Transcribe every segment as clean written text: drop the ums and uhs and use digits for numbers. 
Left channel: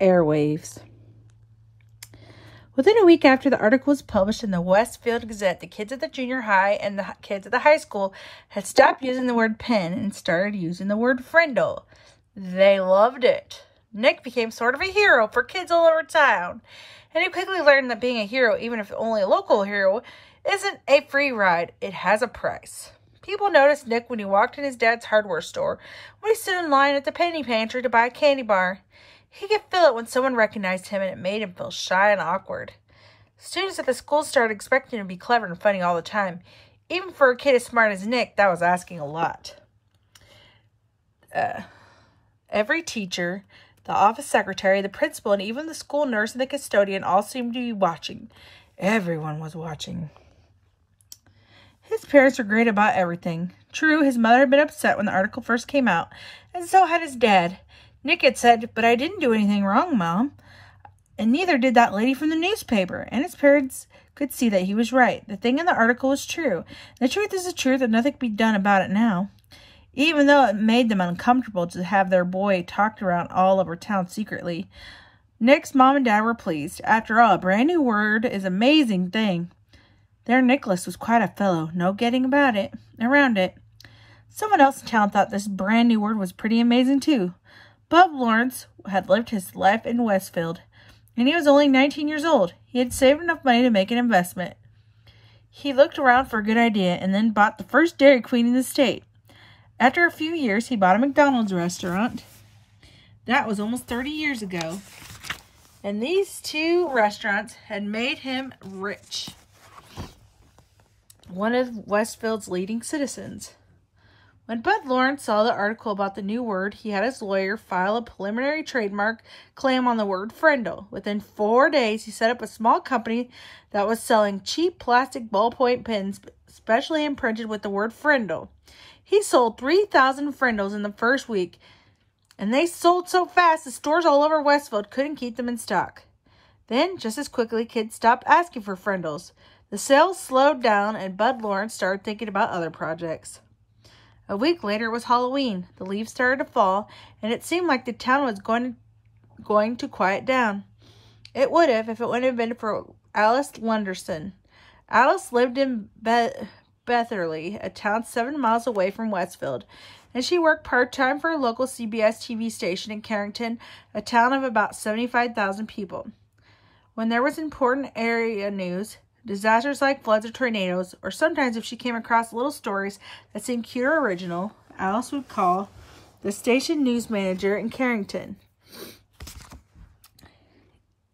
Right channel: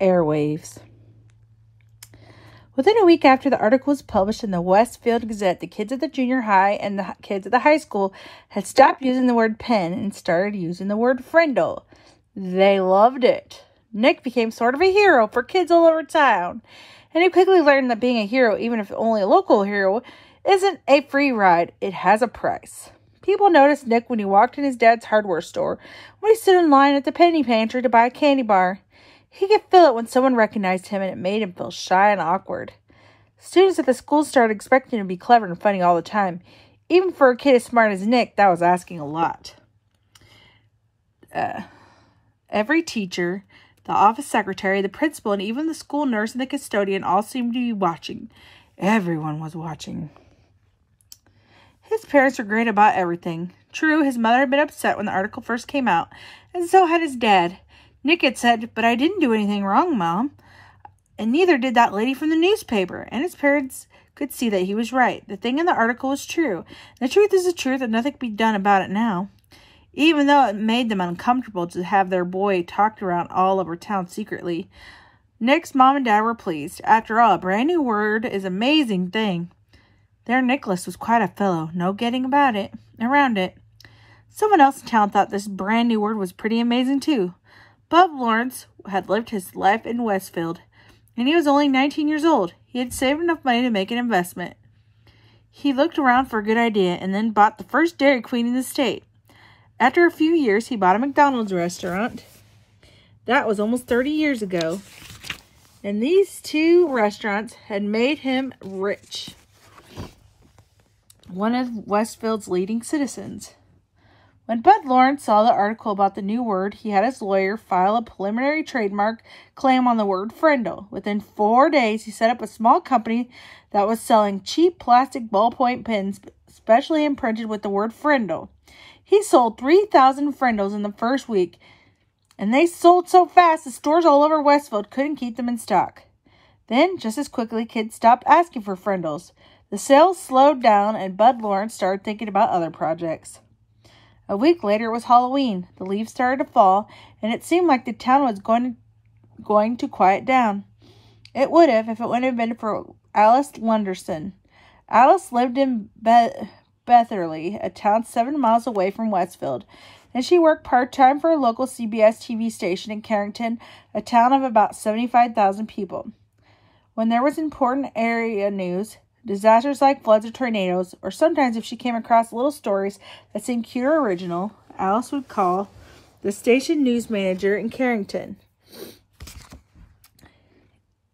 Airwaves. Within a week after the article was published in the Westfield Gazette, the kids at the junior high and the kids at the high school had stopped using the word pen and started using the word Frindle. They loved it. Nick became sort of a hero for kids all over town, and he quickly learned that being a hero, even if only a local hero, isn't a free ride. It has a price. People noticed Nick when he walked in his dad's hardware store, when he stood in line at the penny pantry to buy a candy bar. He could feel it when someone recognized him, and it made him feel shy and awkward. Students at the school started expecting him to be clever and funny all the time. Even for a kid as smart as Nick, that was asking a lot. Every teacher, the office secretary, the principal, and even the school nurse and the custodian all seemed to be watching. Everyone was watching. His parents were great about everything. True, his mother had been upset when the article first came out, and so had his dad. Nick had said, "But I didn't do anything wrong, Mom." And neither did that lady from the newspaper. And his parents could see that he was right. The thing in the article was true. And the truth is the truth, and nothing can be done about it now. Even though it made them uncomfortable to have their boy talked around all over town secretly, Nick's mom and dad were pleased. After all, a brand new word is an amazing thing. Their Nicholas was quite a fellow. No getting around it. Someone else in town thought this brand new word was pretty amazing too. Bub Lawrence had lived his life in Westfield, and he was only 19 years old. He had saved enough money to make an investment. He looked around for a good idea and then bought the first Dairy Queen in the state. After a few years, he bought a McDonald's restaurant. That was almost 30 years ago. And these two restaurants had made him rich. One of Westfield's leading citizens. When Bud Lawrence saw the article about the new word, he had his lawyer file a preliminary trademark claim on the word Frindle. Within 4 days, he set up a small company that was selling cheap plastic ballpoint pens, specially imprinted with the word Frindle. He sold 3,000 Frindles in the first week, and they sold so fast the stores all over Westfield couldn't keep them in stock. Then, just as quickly, kids stopped asking for Frindles. The sales slowed down, and Bud Lawrence started thinking about other projects. A week later, it was Halloween. The leaves started to fall, and it seemed like the town was going to quiet down. It would have if it wouldn't have been for Alice Lunderson. Alice lived in Betherly, a town 7 miles away from Westfield, and she worked part-time for a local CBS TV station in Carrington, a town of about 75,000 people. When there was important area news, disasters like floods or tornadoes, or sometimes if she came across little stories that seemed cute or original, Alice would call the station news manager in Carrington.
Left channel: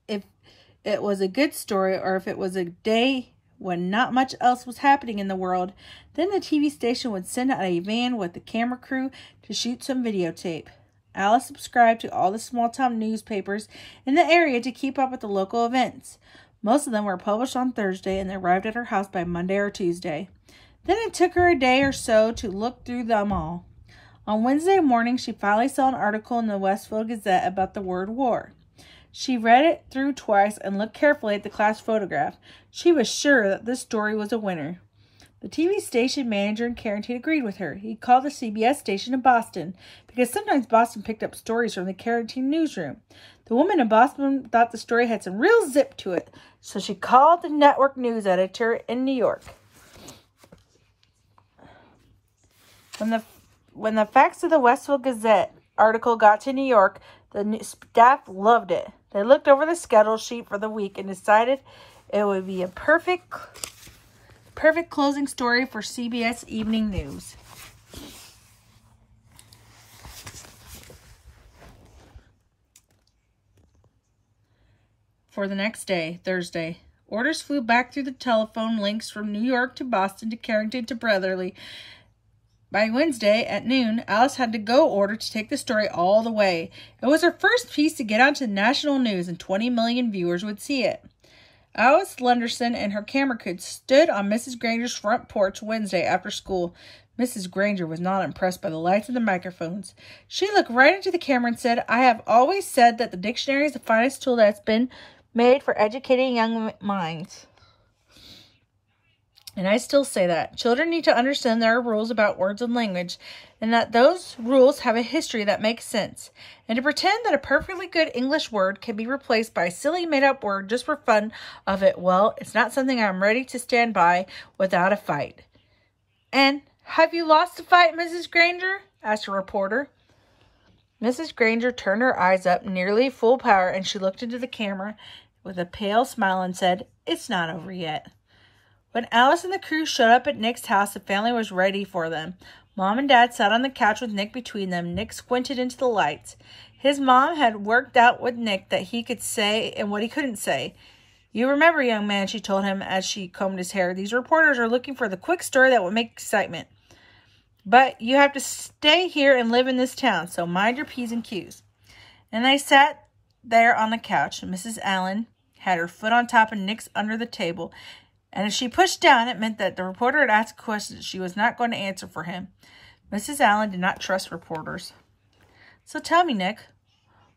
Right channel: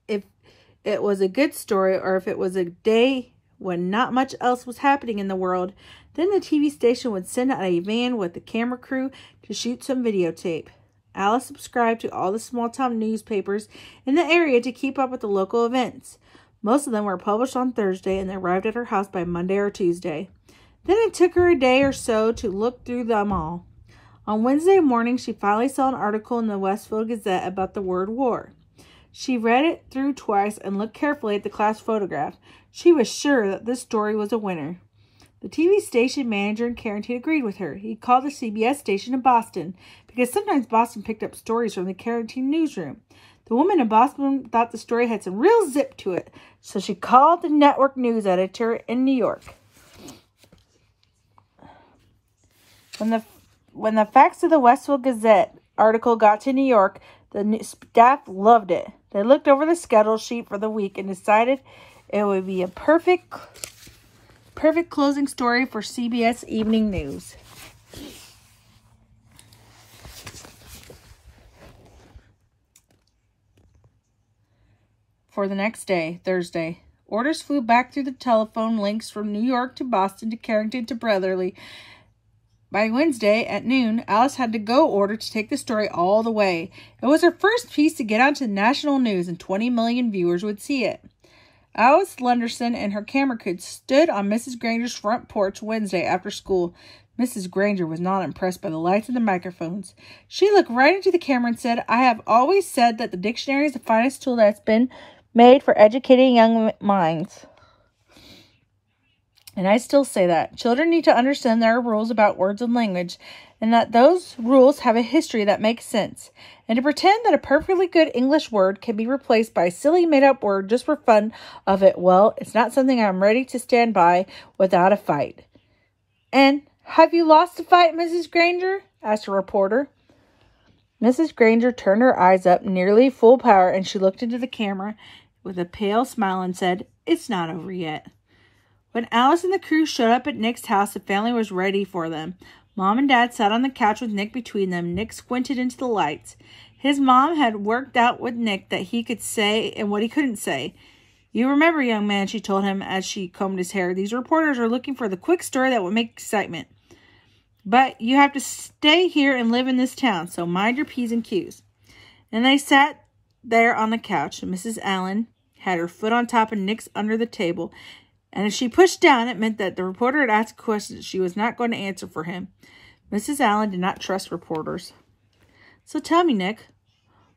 If it was a good story, or if it was a day when not much else was happening in the world, then the TV station would send out a van with the camera crew to shoot some videotape. Alice subscribed to all the small-town newspapers in the area to keep up with the local events. Most of them were published on Thursday, and they arrived at her house by Monday or Tuesday. Then it took her a day or so to look through them all. On Wednesday morning, she finally saw an article in the Westfield Gazette about the word war. She read it through twice and looked carefully at the class photograph. She was sure that this story was a winner. The TV station manager in Carrington agreed with her. He called the CBS station in Boston, because sometimes Boston picked up stories from the Carrington newsroom. The woman in Boston thought the story had some real zip to it, so she called the network news editor in New York. When the facts of the Westfield Gazette article got to New York, the staff loved it. They looked over the schedule sheet for the week and decided it would be a perfect closing story for CBS Evening News. For the next day, Thursday, orders flew back through the telephone links from New York to Boston to Carrington to Brotherly. By Wednesday at noon, Alice had to go order to take the story all the way. It was her first piece to get onto national news, and 20 million viewers would see it. Alice Lunderson and her camera crew stood on Mrs. Granger's front porch Wednesday after school. Mrs. Granger was not impressed by the lights and the microphones. She looked right into the camera and said, "I have always said that the dictionary is the finest tool that's been made for educating young minds. And I still say that. Children need to understand there are rules about words and language, and that those rules have a history that makes sense. And to pretend that a perfectly good English word can be replaced by a silly made-up word just for fun of it, well, it's not something I'm ready to stand by without a fight. And have you lost a fight, Mrs. Granger? Asked a reporter. Mrs. Granger turned her eyes up nearly full power, and she looked into the camera with a pale smile and said, "It's not over yet." When Alice and the crew showed up at Nick's house, the family was ready for them. Mom and Dad sat on the couch with Nick between them. Nick squinted into the lights. His mom had worked out with Nick that he could say and what he couldn't say. "You remember, young man," she told him as she combed his hair, "these reporters are looking for the quick story that will make excitement. But you have to stay here and live in this town, so mind your P's and Q's." And they sat there on the couch. Mrs. Allen had her foot on top of Nick's under the table, and if she pushed down, it meant that the reporter had asked questions she was not going to answer for him. Mrs. Allen did not trust reporters. "So tell me, Nick,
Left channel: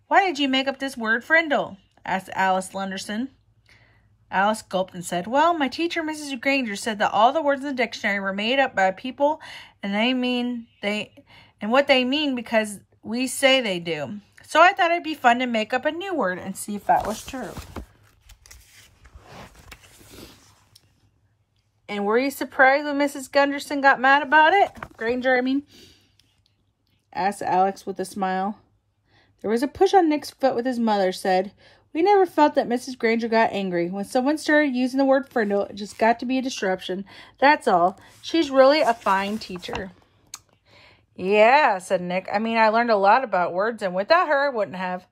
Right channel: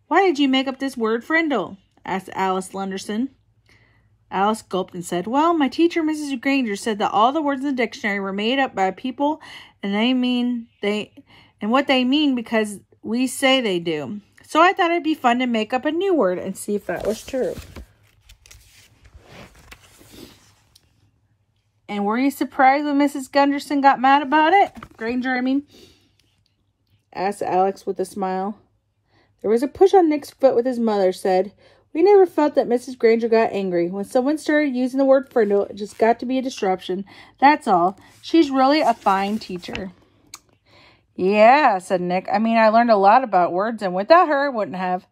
why did you make up this word Frindle?" asked Alice Lunderson. Alice gulped and said, "Well, my teacher, Mrs. Granger, said that all the words in the dictionary were made up by people, and what they mean because we say they do. So I thought it'd be fun to make up a new word and see if that was true." "And were you surprised when Mrs. Gunderson got mad about it? Granger, I mean?" asked Alex with a smile. There was a push on Nick's foot with his mother said, "We never felt that Mrs. Granger got angry. When someone started using the word Frindle, it just got to be a disruption. That's all. She's really a fine teacher." "Yeah," said Nick. "I mean, I learned a lot about words, and without her, I wouldn't have."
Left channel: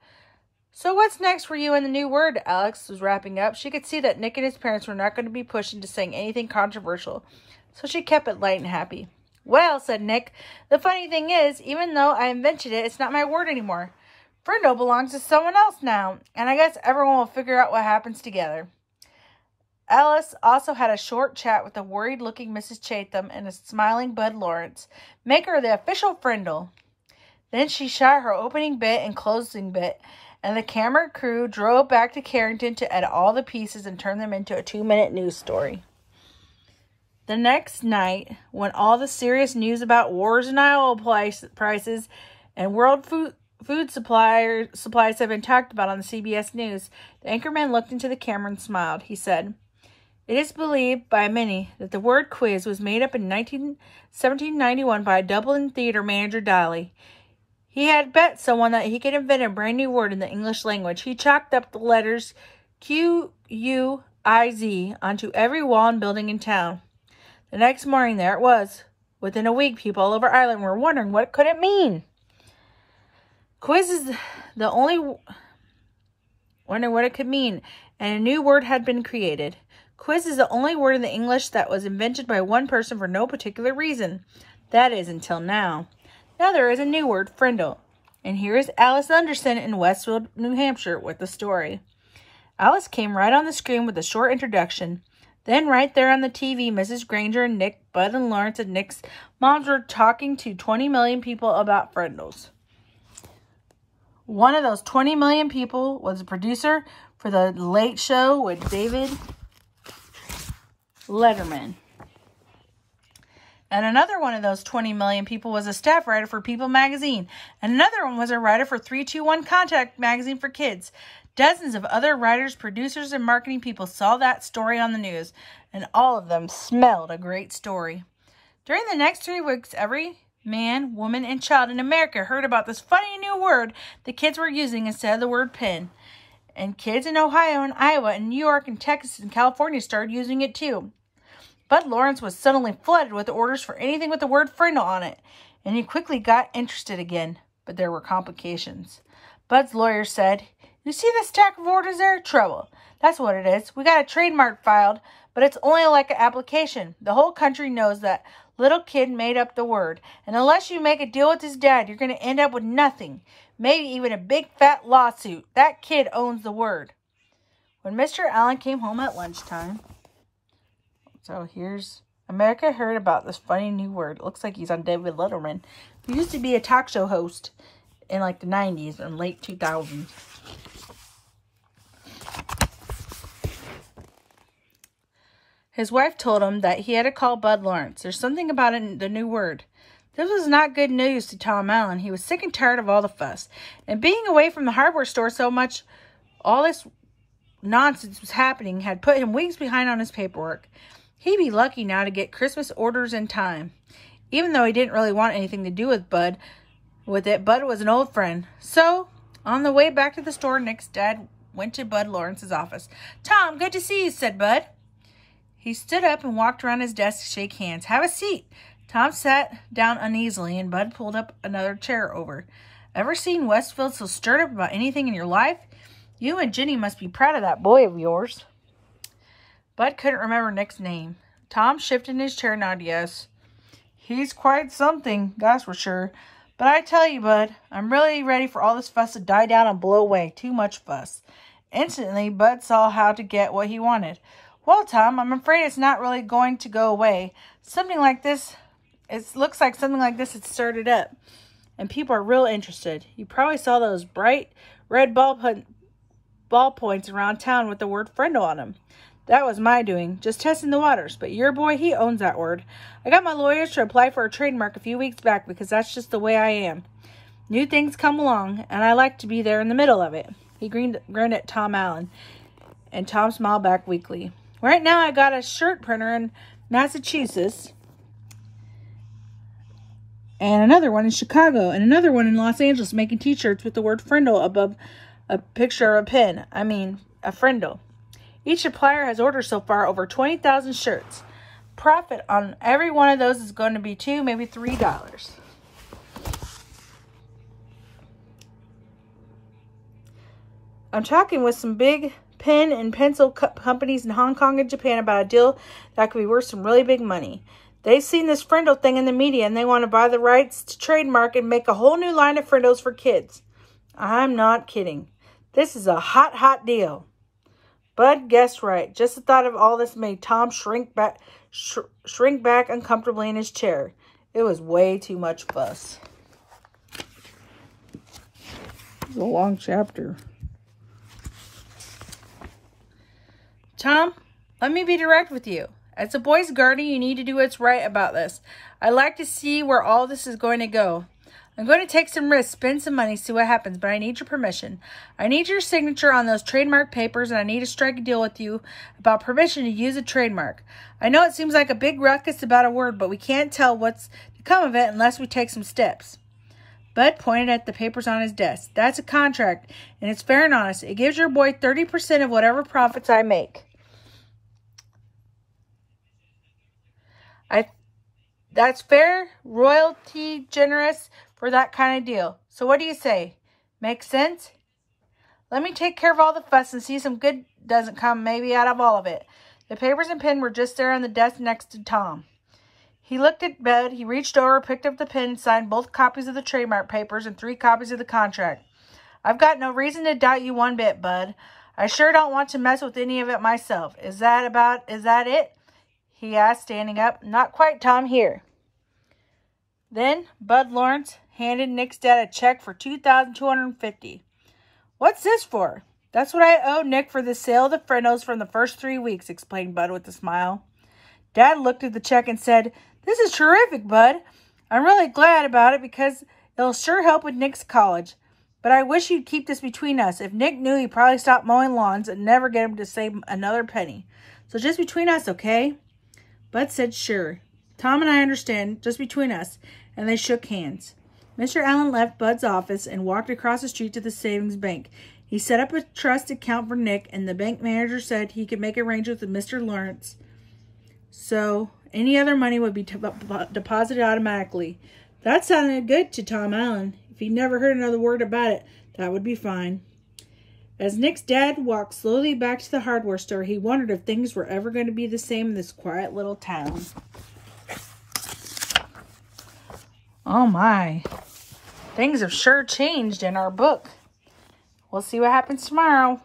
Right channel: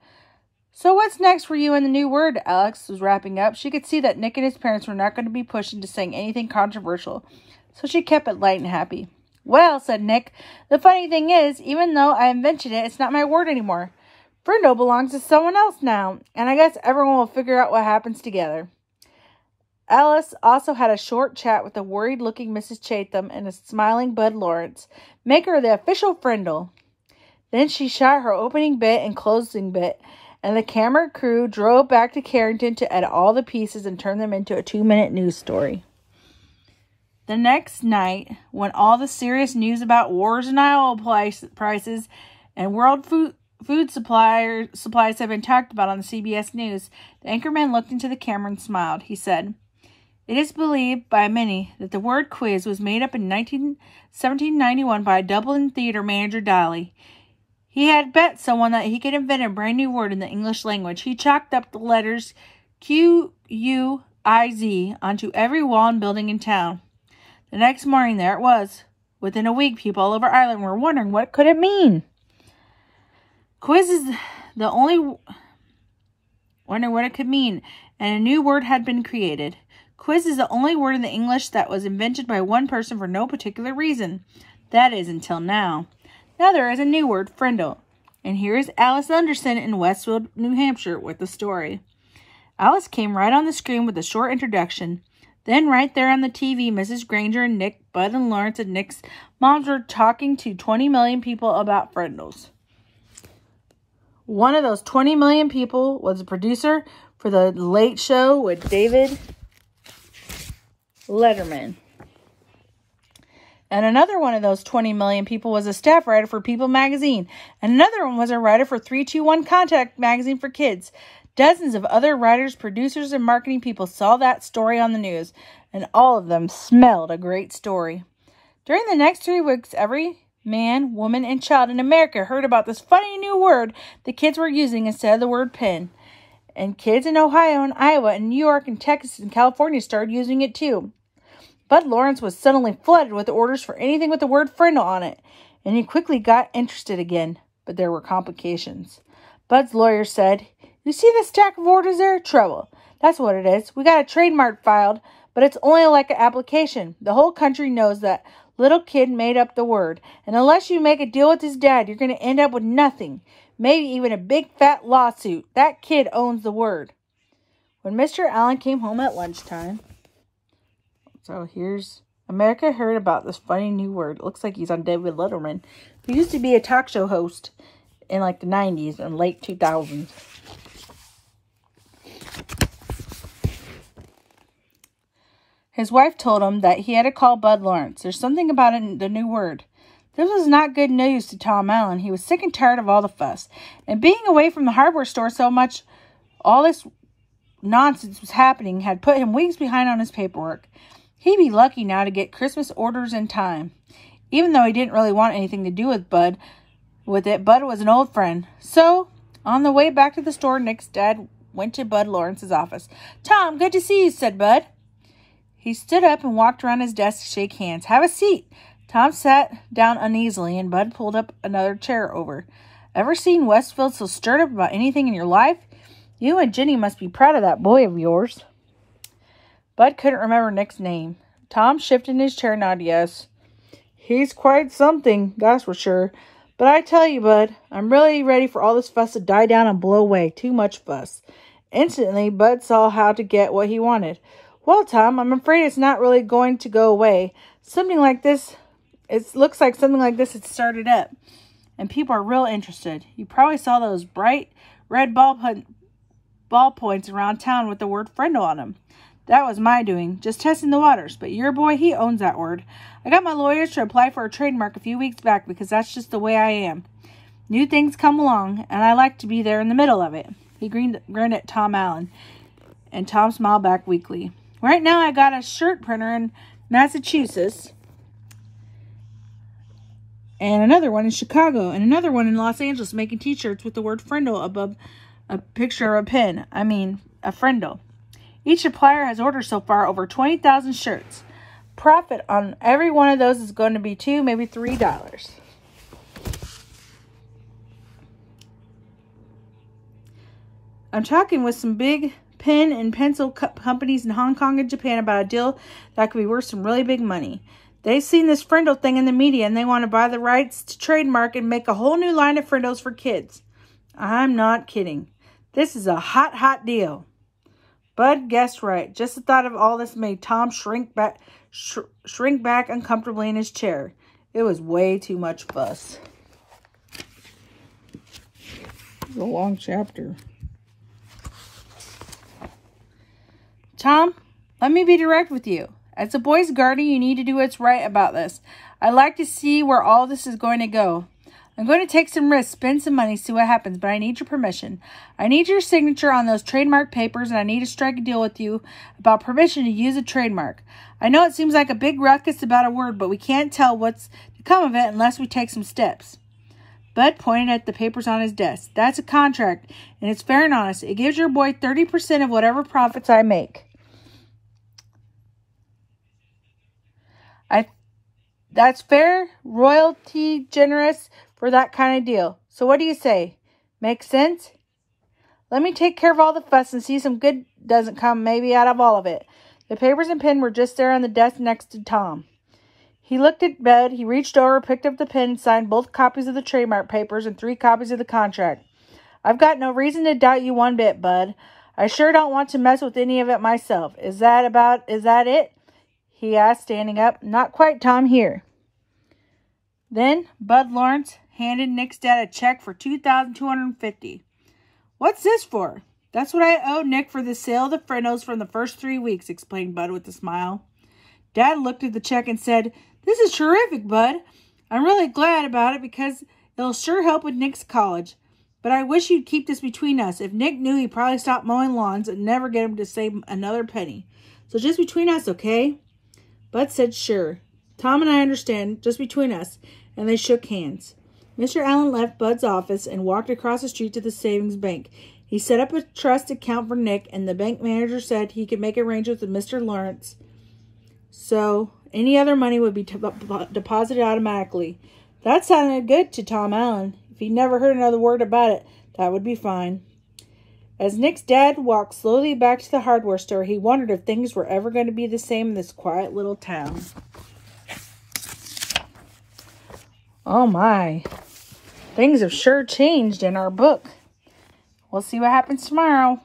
"So what's next for you in the new word?" Alex was wrapping up. She could see that Nick and his parents were not going to be pushed into saying anything controversial, so she kept it light and happy. "Well," said Nick, "the funny thing is, even though I invented it, it's not my word anymore. Frindle belongs to someone else now, and I guess everyone will figure out what happens together." Alice also had a short chat with the worried-looking Mrs. Chatham and a smiling Bud Lawrence, maker of the official Frindle. Then she shot her opening bit and closing bit, and the camera crew drove back to Carrington to edit all the pieces and turn them into a 2-minute news story. The next night, when all the serious news about wars and oil prices and world food supplies have been talked about on the CBS News, the anchorman looked into the camera and smiled. He said, "It is believed by many that the word quiz was made up in 1791 by a Dublin theater manager, Daly. He had bet someone that he could invent a brand new word in the English language. He chalked up the letters Q-U-I-Z onto every wall and building in town. The next morning, there it was. Within a week, people all over Ireland were wondering what could it mean. Quiz is the only wondering what it could mean, and a new word had been created. Quiz is the only word in the English that was invented by one person for no particular reason. That is, until now. Now there is a new word, Frindle. And here is Alice Anderson in Westfield, New Hampshire, with the story." Alice came right on the screen with a short introduction. Then right there on the TV, Mrs. Granger and Nick, Bud and Lawrence and Nick's moms were talking to 20 million people about Frindles. One of those 20 million people was a producer for The Late Show with David Letterman. And another one of those 20 million people was a staff writer for People magazine. And another one was a writer for 321 Contact magazine for kids. Dozens of other writers, producers, and marketing people saw that story on the news, and all of them smelled a great story. During the next 3 weeks, every man, woman, and child in America heard about this funny new word the kids were using instead of the word pen. And kids in Ohio and Iowa and New York and Texas and California started using it too. Bud Lawrence was suddenly flooded with orders for anything with the word Frindle on it, and he quickly got interested again, but there were complications. Bud's lawyer said, "You see this stack of orders there? Trouble. That's what it is. We got a trademark filed, but it's only like an application. The whole country knows that little kid made up the word, and unless you make a deal with his dad, you're going to end up with nothing, maybe even a big fat lawsuit. That kid owns the word." When Mr. Allen came home at lunchtime, so here's America heard about this funny new word. It looks like he's on David Letterman. He used to be a talk show host in like the 90s and late 2000s. His wife told him that he had to call Bud Lawrence. There's something about it in the new word. This was not good news to Tom Allen. He was sick and tired of all the fuss. And being away from the hardware store so much, all this nonsense was happening had put him weeks behind on his paperwork. He'd be lucky now to get Christmas orders in time. Even though he didn't really want anything to do with Bud was an old friend. So, on the way back to the store, Nick's dad went to Bud Lawrence's office. "Tom, good to see you," said Bud. He stood up and walked around his desk to shake hands. "Have a seat." Tom sat down uneasily, and Bud pulled up another chair over. "Ever seen Westfield so stirred up about anything in your life? You and Jenny must be proud of that boy of yours." Bud couldn't remember Nick's name. Tom shifted in his chair and nodded yes. "He's quite something, that's for sure. But I tell you, Bud, I'm really ready for all this fuss to die down and blow away. Too much fuss." Instantly, Bud saw how to get what he wanted. "Well, Tom, I'm afraid it's not really going to go away. Something like this... It looks like something like this had started up, and people are real interested. You probably saw those bright red ball points around town with the word Frindle on them. That was my doing, just testing the waters. But your boy, he owns that word. I got my lawyers to apply for a trademark a few weeks back because that's just the way I am. New things come along, and I like to be there in the middle of it." He grinned at Tom Allen, and Tom smiled back weakly. "Right now, I got a shirt printer in Massachusetts, and another one in Chicago, and another one in Los Angeles making t-shirts with the word Frindle above a picture of a pin. A Frindle. Each supplier has ordered so far over 20,000 shirts. Profit on every one of those is going to be $2, maybe $3. I'm talking with some big pen and pencil companies in Hong Kong and Japan about a deal that could be worth some really big money. They've seen this Frindle thing in the media, and they want to buy the rights to trademark and make a whole new line of Frindles for kids. I'm not kidding. This is a hot, hot deal." Bud guessed right. Just the thought of all this made Tom shrink back uncomfortably in his chair. It was way too much fuss. It's a long chapter. "Tom, let me be direct with you. As a boy's guardian, you need to do what's right about this. I'd like to see where all this is going to go. I'm going to take some risks, spend some money, see what happens, but I need your permission. I need your signature on those trademark papers, and I need to strike a deal with you about permission to use a trademark. I know it seems like a big ruckus about a word, but we can't tell what's to come of it unless we take some steps." Bud pointed at the papers on his desk. "That's a contract, and it's fair and honest. It gives your boy 30% of whatever profits I make. That's fair, royalty generous for that kind of deal. So what do you say? Make sense? Let me take care of all the fuss and see some good doesn't come maybe out of all of it." The papers and pen were just there on the desk next to Tom. He looked at Bud. He reached over, picked up the pen, signed both copies of the trademark papers and 3 copies of the contract. "I've got no reason to doubt you one bit, Bud. I sure don't want to mess with any of it myself. Is that it?" he asked, standing up. "Not quite, Tom. Here." Then Bud Lawrence handed Nick's dad a check for $2,250. "What's this for?" "That's what I owe Nick for the sale of the Frindles from the first 3 weeks," explained Bud with a smile. Dad looked at the check and said, "This is terrific, Bud. I'm really glad about it because it'll sure help with Nick's college. But I wish you'd keep this between us. If Nick knew, he'd probably stop mowing lawns and never get him to save another penny. So just between us, okay?" Bud said, "Sure. Tom and I understand, just between us," and they shook hands. Mr. Allen left Bud's office and walked across the street to the savings bank. He set up a trust account for Nick, and the bank manager said he could make arrangements with Mr. Lawrence so any other money would be deposited automatically. That sounded good to Tom Allen. If he never heard another word about it, that would be fine. As Nick's dad walked slowly back to the hardware store, he wondered if things were ever going to be the same in this quiet little town. Oh my, things have sure changed in our book. We'll see what happens tomorrow.